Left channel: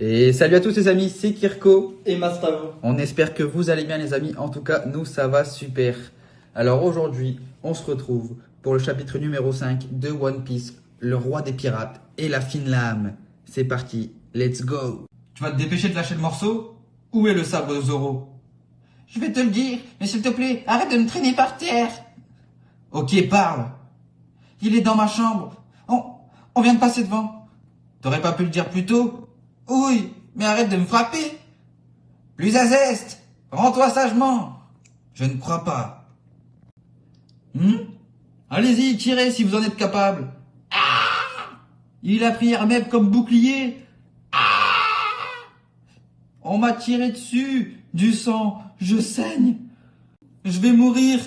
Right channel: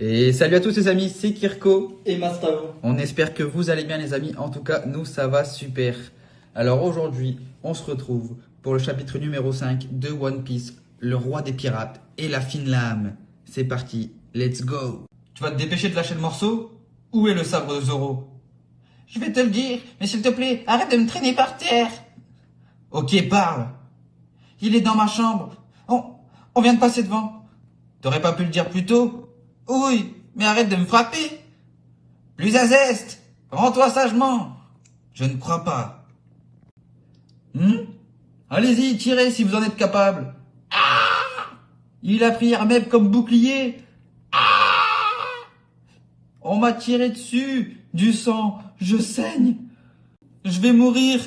Et salut à tous les amis, c'est Kirko. Et Mastavo. On espère que vous allez bien les amis, en tout cas nous ça va super. Alors aujourd'hui, on se retrouve pour le chapitre numéro 5 de One Piece, le roi des pirates et la fine lame. C'est parti, let's go. Tu vas te dépêcher de lâcher le morceau? Où est le sabre de Zoro? Je vais te le dire, mais s'il te plaît, arrête de me traîner par terre. Ok, parle. Il est dans ma chambre. On vient de passer devant. T'aurais pas pu le dire plus tôt? Oui, mais arrête de me frapper. Plus à zeste. Rends-toi sagement. Je ne crois pas. Allez-y, tirez si vous en êtes capable. Il a pris Hermeb comme bouclier. On m'a tiré dessus. Du sang. Je saigne. Je vais mourir.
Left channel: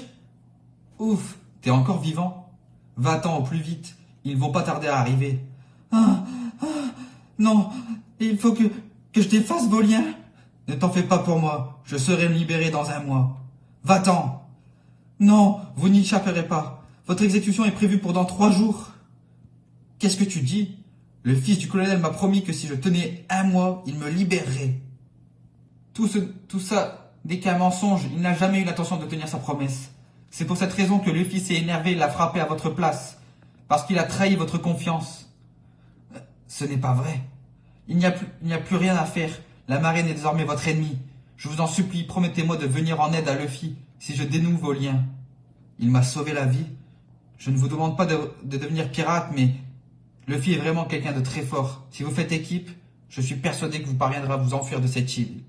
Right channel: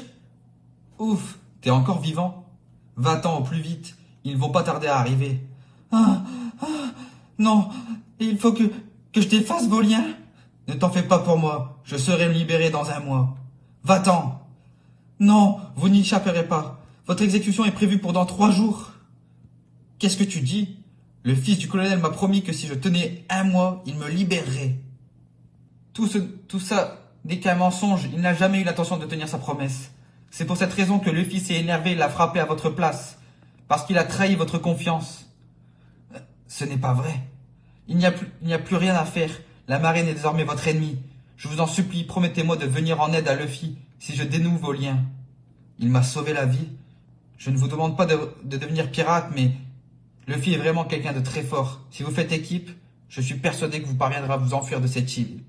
Ouf, t'es encore vivant? Va-t'en au plus vite. Ils vont pas tarder à arriver. Ah, ah, non, il faut que je défasse vos liens. Ne t'en fais pas pour moi. Je serai libéré dans un mois. Va-t'en. Non, vous n'y échapperez pas. Votre exécution est prévue pour dans 3 jours. Qu'est-ce que tu dis? Le fils du colonel m'a promis que si je tenais 1 mois, il me libérerait. Tout ça n'est qu'un mensonge. Il n'a jamais eu l'intention de tenir sa promesse. C'est pour cette raison que Luffy s'est énervé et l'a frappé à votre place. Parce qu'il a trahi votre confiance. Ce n'est pas vrai. Il n'y a plus rien à faire. La marine est désormais votre ennemi. Je vous en supplie, promettez-moi de venir en aide à Luffy si je dénoue vos liens. Il m'a sauvé la vie. Je ne vous demande pas de devenir pirate, mais Luffy est vraiment quelqu'un de très fort. Si vous faites équipe, je suis persuadé que vous parviendrez à vous enfuir de cette île.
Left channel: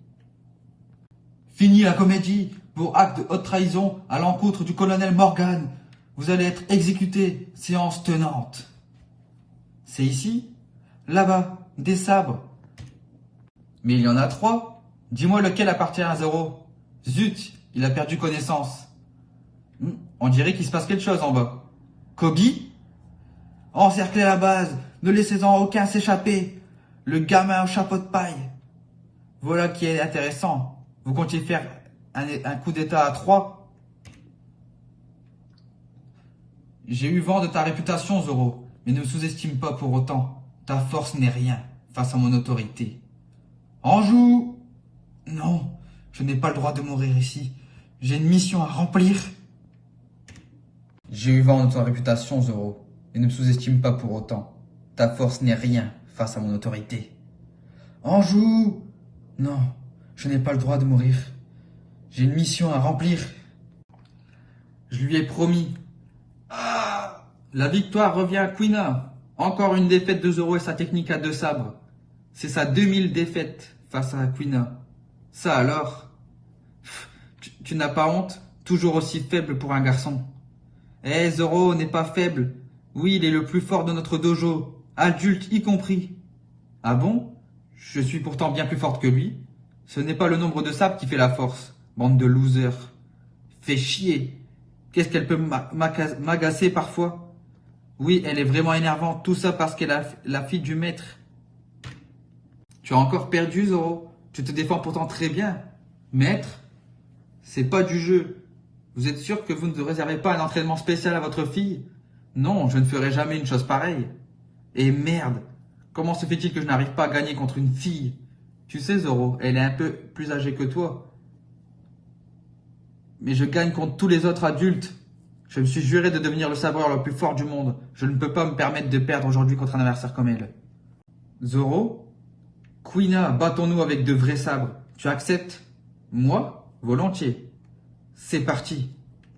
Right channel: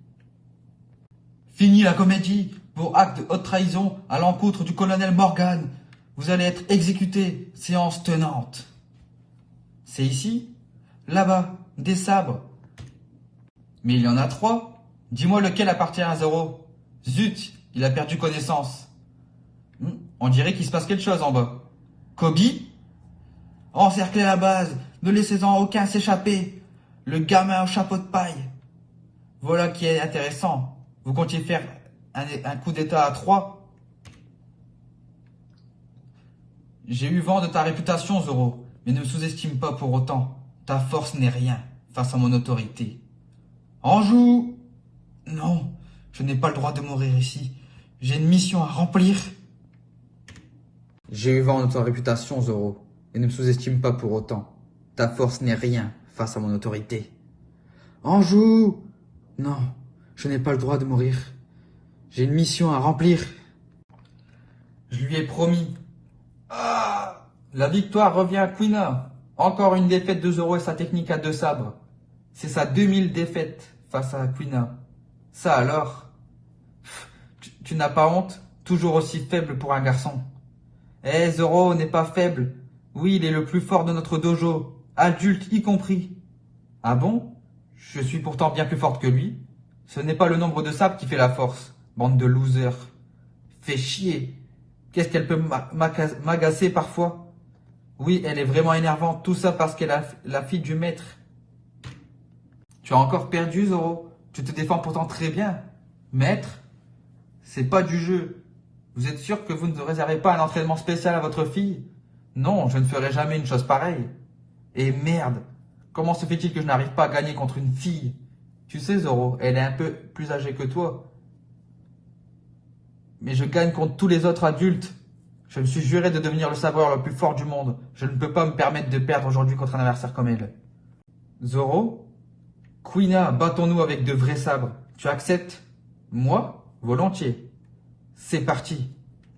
Fini la comédie. Pour acte de haute trahison à l'encontre du colonel Morgan. Vous allez être exécuté. Séance tenante. C'est ici? Là-bas. Des sabres. Mais il y en a 3. Dis-moi lequel appartient à Zoro. Zut, il a perdu connaissance. On dirait qu'il se passe quelque chose en bas. Kobe? Encerclez la base. Ne laissez-en aucun s'échapper. Le gamin au chapeau de paille. Voilà qui est intéressant. Vous comptiez faire un coup d'état à 3? J'ai eu vent de ta réputation, Zoro, mais ne me sous-estime pas pour autant. Ta force n'est rien face à mon autorité. Anjou! Non, je n'ai pas le droit de mourir ici. J'ai une mission à remplir. J'ai eu vent de ta réputation Zoro, et ne me sous-estime pas pour autant. Ta force n'est rien face à mon autorité. Anjou! Non, je n'ai pas le droit de mourir. J'ai une mission à remplir. Je lui ai promis. La victoire revient à Kuina. Encore une défaite de Zoro et sa technique à 2 sabres. C'est sa 2000 défaite face à Kuina. Ça alors? Tu n'as pas honte? Toujours aussi faible pour un garçon. Eh, Zoro n'est pas faible. Oui, il est le plus fort de notre dojo. Adulte y compris. Ah bon? Je suis pourtant bien plus forte que lui. Ce n'est pas le nombre de sabres qui fait la force. Bande de losers. Fait chier. Qu'est-ce qu'elle peut m'agacer parfois? Oui, elle est vraiment énervante. Tout ça parce qu'elle est la fille du maître. Tu as encore perdu, Zoro. Tu te défends pourtant très bien. Maître, c'est pas du jeu. Vous êtes sûr que vous ne réservez pas un entraînement spécial à votre fille? Non, je ne ferai jamais une chose pareille. Et merde, comment se fait-il que je n'arrive pas à gagner contre une fille? Tu sais, Zoro, elle est un peu plus âgée que toi. Mais je gagne contre tous les autres adultes. Je me suis juré de devenir le sabreur le plus fort du monde. Je ne peux pas me permettre de perdre aujourd'hui contre un adversaire comme elle. Zoro? Kuina, battons-nous avec de vrais sabres. Tu acceptes? Moi? Volontiers. C'est parti.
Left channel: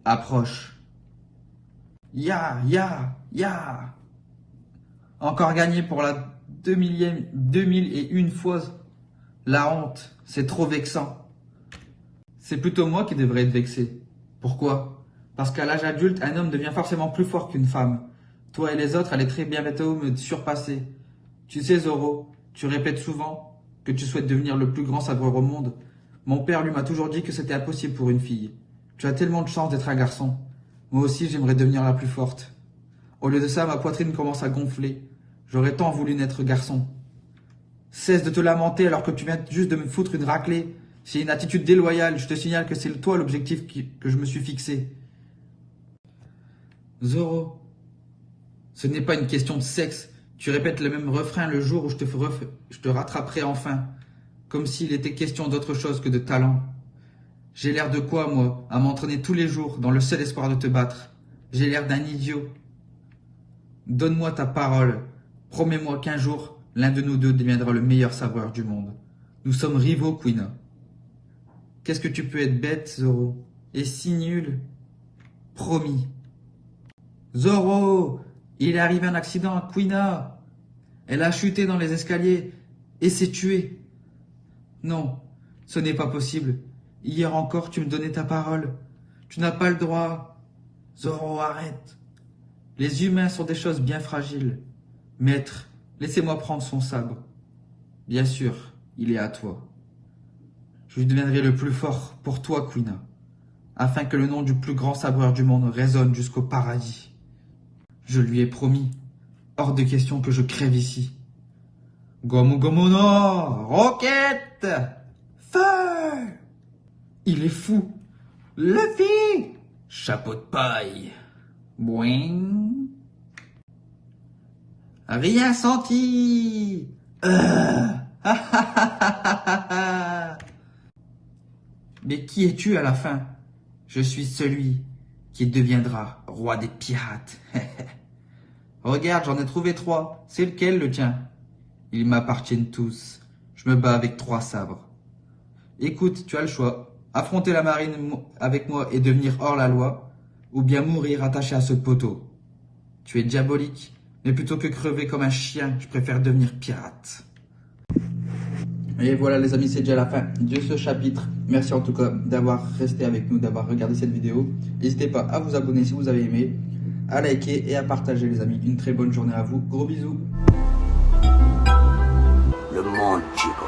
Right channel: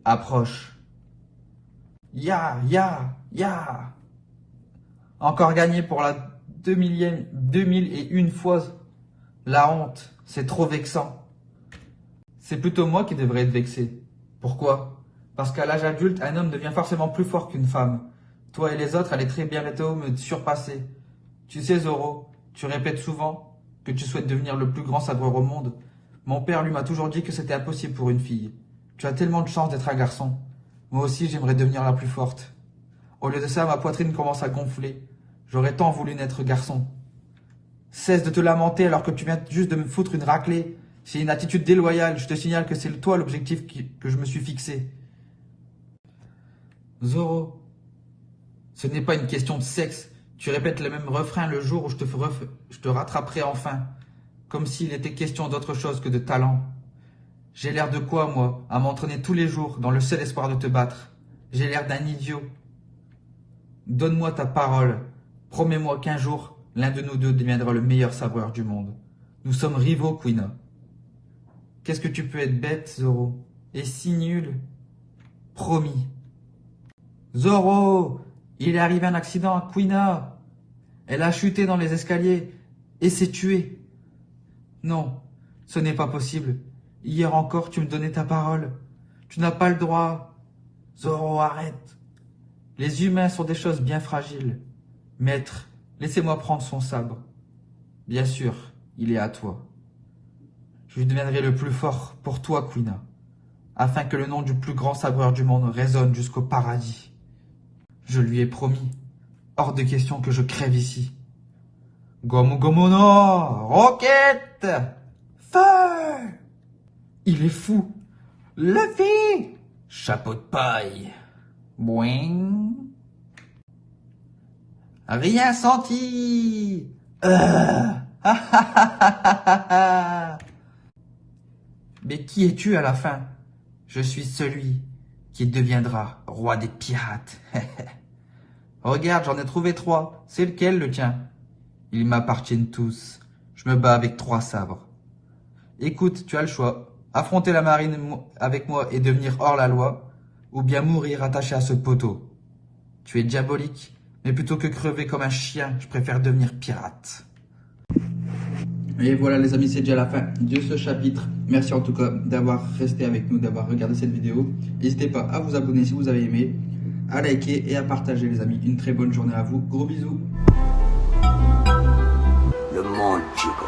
Approche. Ya, ya, ya. Encore gagné pour la 2001 fois. La honte, c'est trop vexant. C'est plutôt moi qui devrais être vexé. Pourquoi? Parce qu'à l'âge adulte, un homme devient forcément plus fort qu'une femme. Toi et les autres allez très bientôt me surpasser. Tu sais, Zoro, tu répètes souvent que tu souhaites devenir le plus grand sabreur au monde. Mon père, lui, m'a toujours dit que c'était impossible pour une fille. Tu as tellement de chance d'être un garçon. Moi aussi, j'aimerais devenir la plus forte. Au lieu de ça, ma poitrine commence à gonfler. J'aurais tant voulu naître garçon. Cesse de te lamenter alors que tu viens juste de me foutre une raclée. C'est une attitude déloyale. Je te signale que c'est toi l'objectif que je me suis fixé. Zoro, ce n'est pas une question de sexe, Tu répètes le même refrain le jour où je te rattraperai enfin, comme s'il était question d'autre chose que de talent. J'ai l'air de quoi, moi, à m'entraîner tous les jours dans le seul espoir de te battre? J'ai l'air d'un idiot. Donne-moi ta parole. Promets-moi qu'un jour, l'un de nous deux deviendra le meilleur sabreur du monde. Nous sommes rivaux, Quina. Qu'est-ce que tu peux être bête, Zoro, et si nul? Promis. Zoro, il est arrivé un accident à Quina. Elle a chuté dans les escaliers et s'est tuée. Non, ce n'est pas possible. Hier encore, tu me donnais ta parole. Tu n'as pas le droit. Zoro, arrête. Les humains sont des choses bien fragiles. Maître, laissez-moi prendre son sabre. Bien sûr, il est à toi. Je deviendrai le plus fort pour toi, Quina, afin que le nom du plus grand sabreur du monde résonne jusqu'au paradis. Je lui ai promis, hors de question que je crève ici. Gomu Gomu no roquette, feu. Il est fou. Luffy, chapeau de paille. Boing. Rien senti. Mais qui es-tu à la fin? Je suis celui qui deviendra roi des pirates. Regarde, j'en ai trouvé 3. C'est lequel le tien? Ils m'appartiennent tous. Je me bats avec 3 sabres. Écoute, tu as le choix. Affronter la marine avec moi et devenir hors la loi, ou bien mourir attaché à ce poteau. Tu es diabolique, mais plutôt que crever comme un chien, je préfère devenir pirate. Et voilà les amis, c'est déjà la fin de ce chapitre. Merci en tout cas d'avoir resté avec nous, d'avoir regardé cette vidéo. N'hésitez pas à vous abonner si vous avez aimé, à liker et à partager les amis. Une très bonne journée à vous. Gros bisous. Le monde, Chico.